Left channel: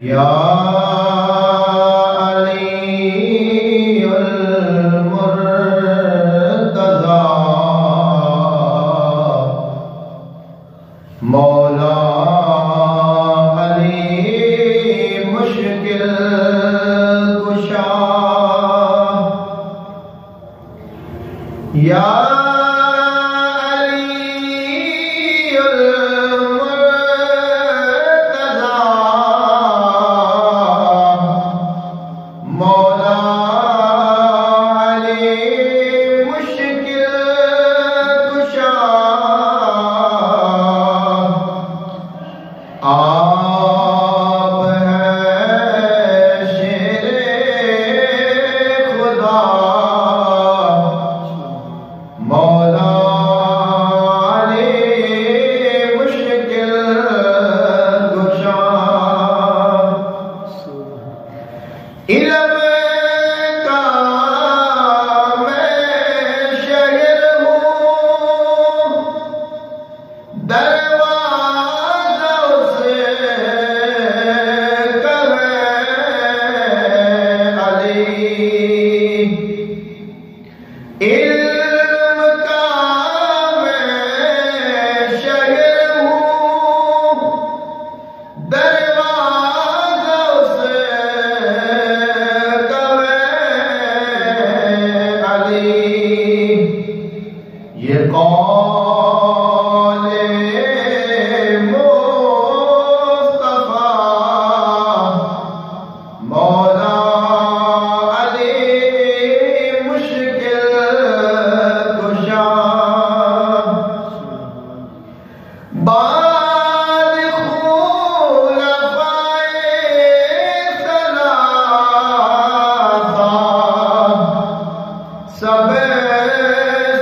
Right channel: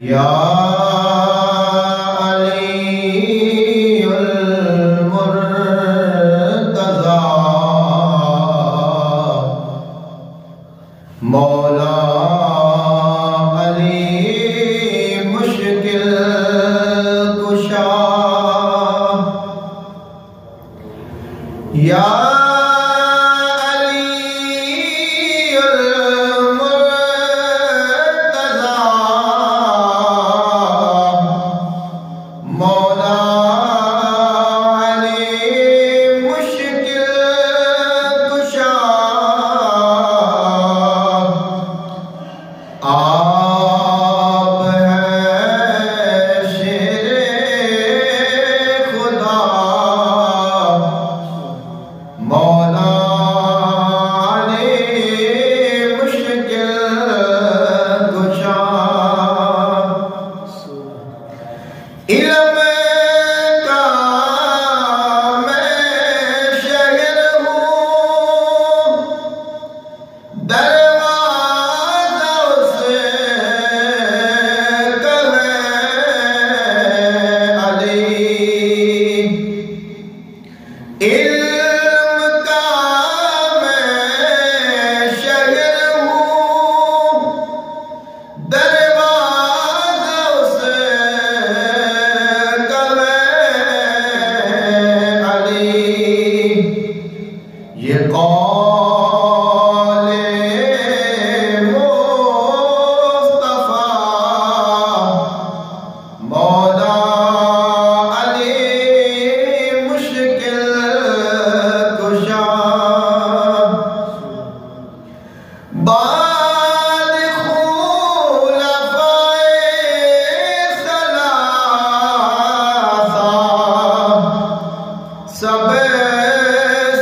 या अलीयुल मुर्तज़ा मौला अली मुश्किल कुशा या आप हैं शेरे खुदा मौला अली मुश्किल कुशा इल्म का मैं शहर हूँ इल्म का मैं शहर हूँ दरवाज़ा उसे कहे अली ये कौले मुस्तफ़ा मौला सब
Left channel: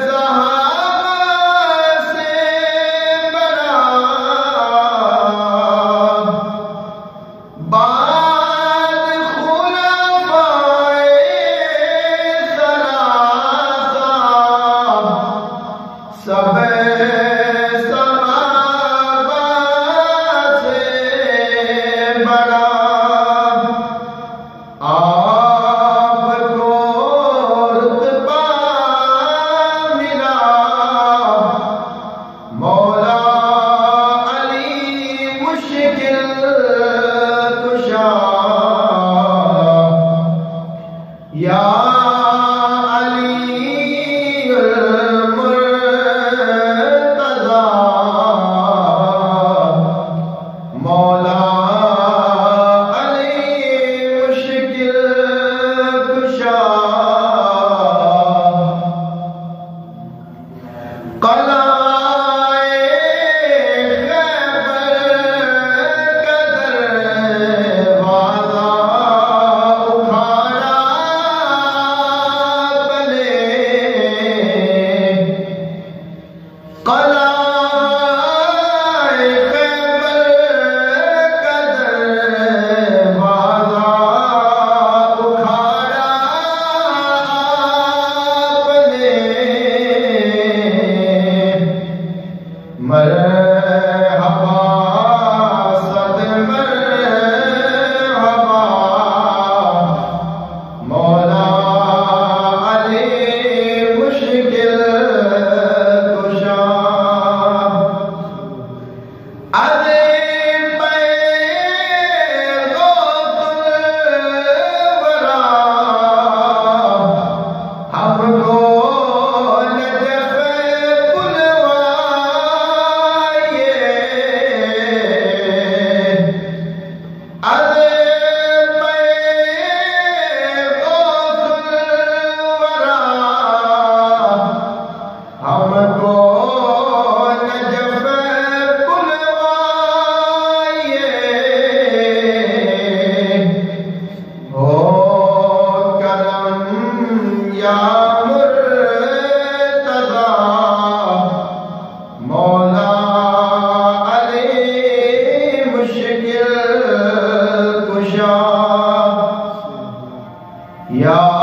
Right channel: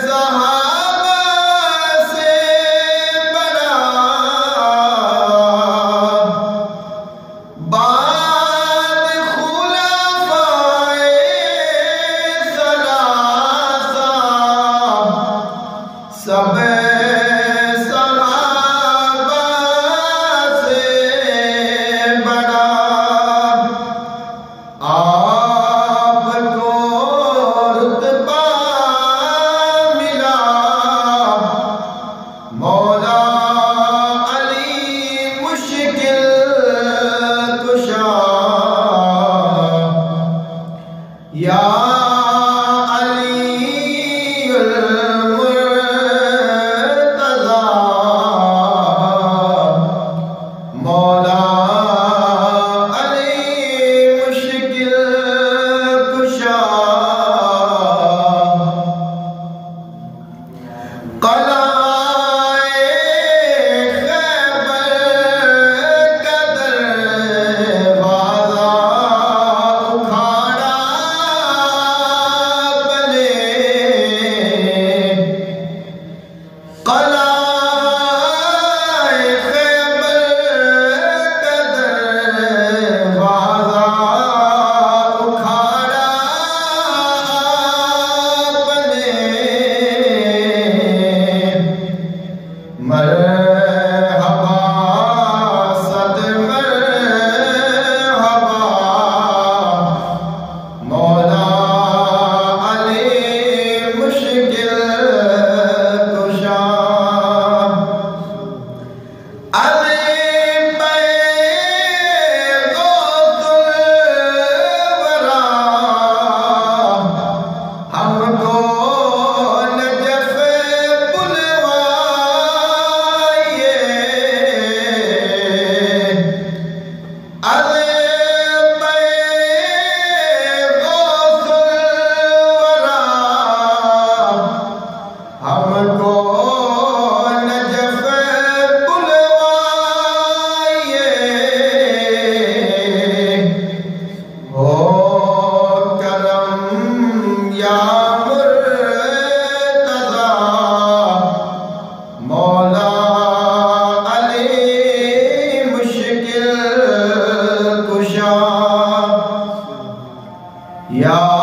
सहाबा से बड़ा बाद खुलफाए सलासा सब सहाबा से बड़ा मौला अली मुश्किल कुशा या अलीयुल मुर्तज़ा मौला अली मुश्किल कुशा कला मरहबा सद मरहबा मौला अली मुश्किल कुशा अरे पैगोतुल वरा हमको हमको नजफ़ बुलवाइए हो करम या मुर्तज़ा मौला अली मुश्किल कुशा या